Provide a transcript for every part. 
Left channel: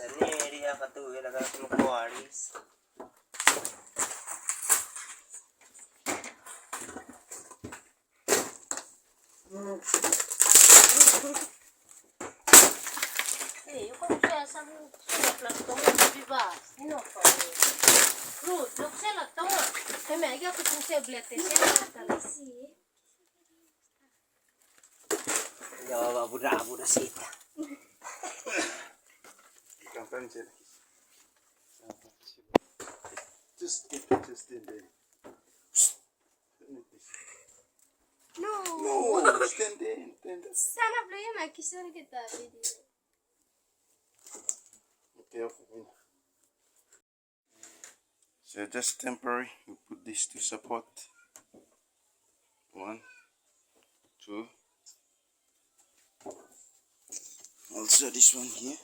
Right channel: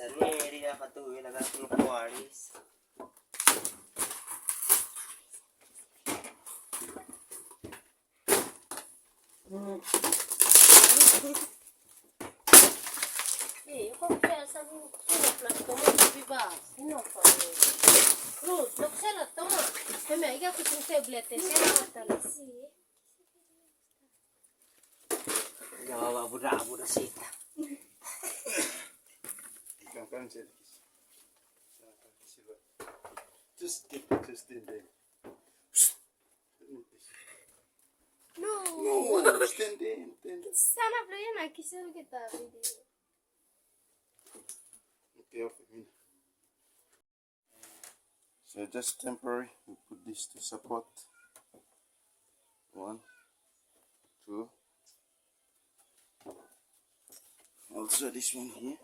Sani dia katuwi laga kuaris. Sì, come c'è solo plastica di base, non fa. Ruth, lo c'è la toma. E meglio che tu sei blette, sì. Yo budak sita. Just in there. No, Stand in. sana problema è che sono che da vedi. Okay. So just temporary. We put this to support. 1, 2. Also this one here.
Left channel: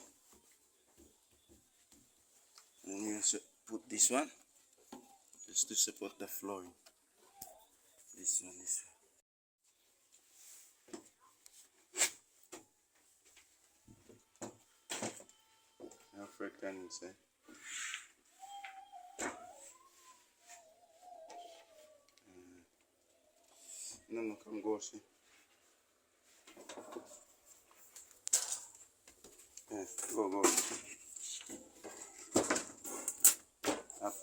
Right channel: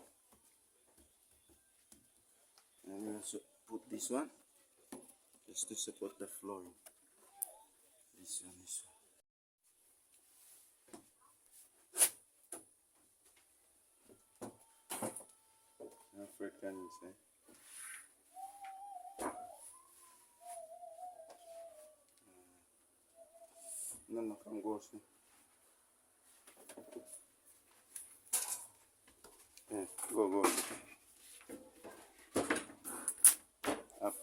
And we also put this one just to support the flooring. This one. African inside. No, come go see. Yeah, go. Up.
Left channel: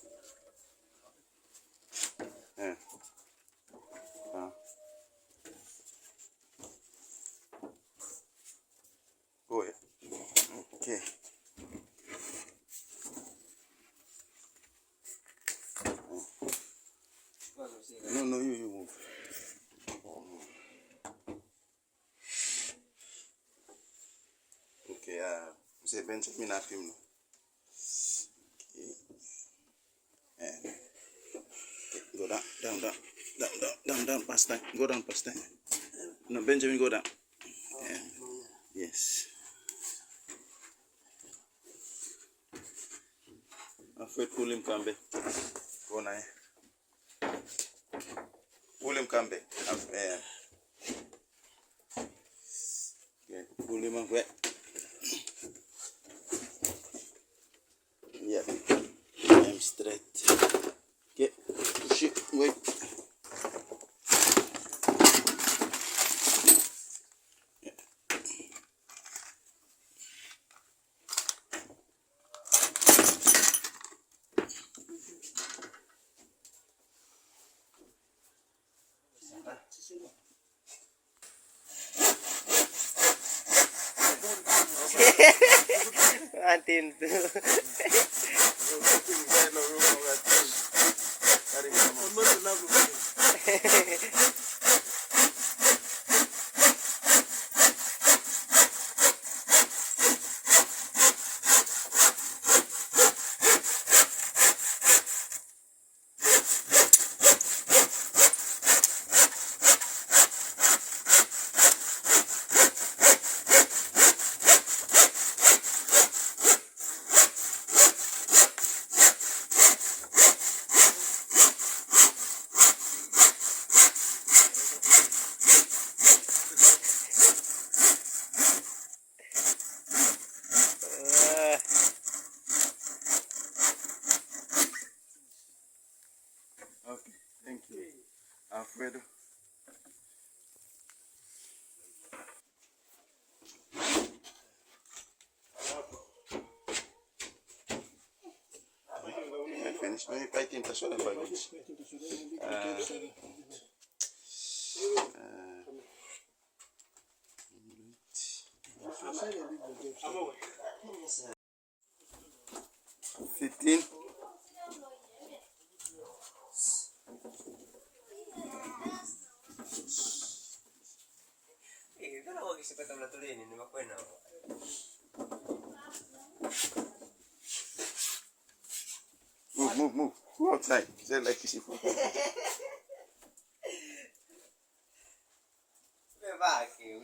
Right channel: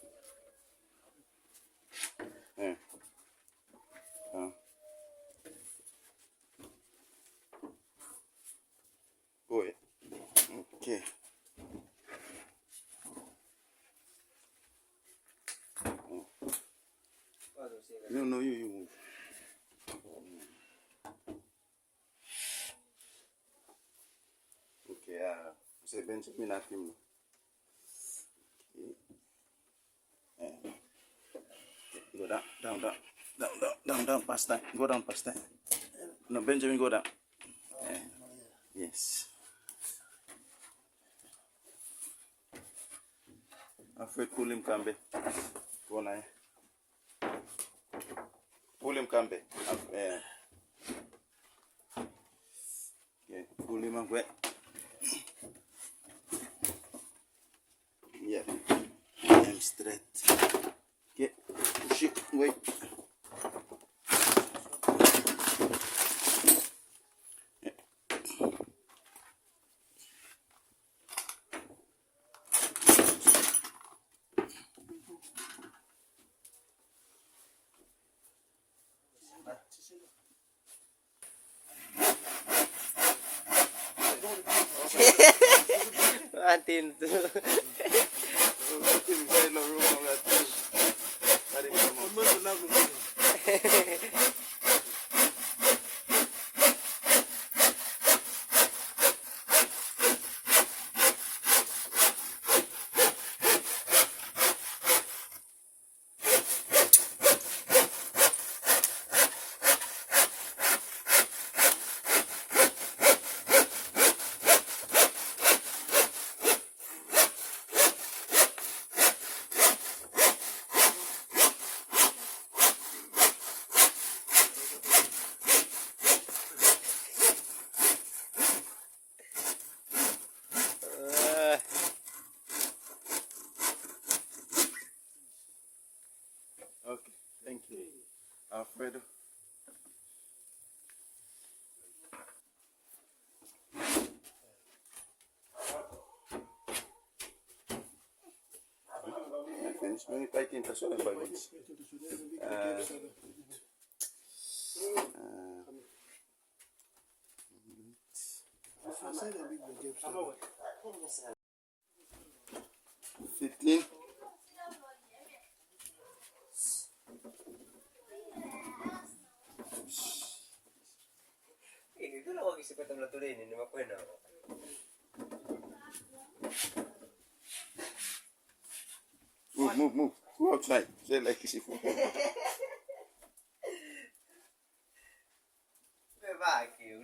Yeah. Go ahead. Okay. No, you move. Okay, say Benjamin up him. Okay. Go down, past that. Go down past that. No, Benjamin, go down. Yeah. Yes. Afraid pull him come back. Go now. Pull him come back. Yeah, pull him away. Yeah. I'm straight. Okay, push it, wait. Atin tu. Okay, thank you. Alfredo. I finished. Let me pack him to show them by which. $15. Kalau lagi suka teman tu ini mak kuena. Move. Go outside. Say like this. Bebaki.